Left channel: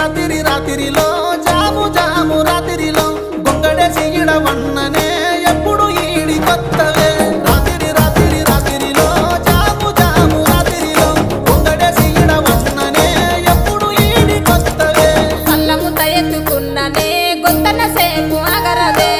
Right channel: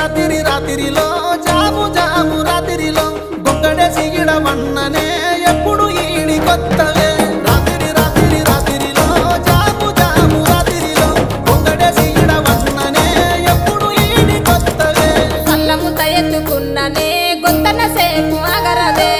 రాత్రిలో జాము జాము రాత్రిలో గొంగడేసి ఇడవన్ననే ఎప్పుడు ఈడి కొత్తవే రాత్రిలో జాము జాము రాత్రిలో గొంగడేసి ఇడవన్ననే ఎప్పుడు ఈడి కొత్తవే సల్లముత ఎత్తుకున్ననే గొంతన సేపు అగరదే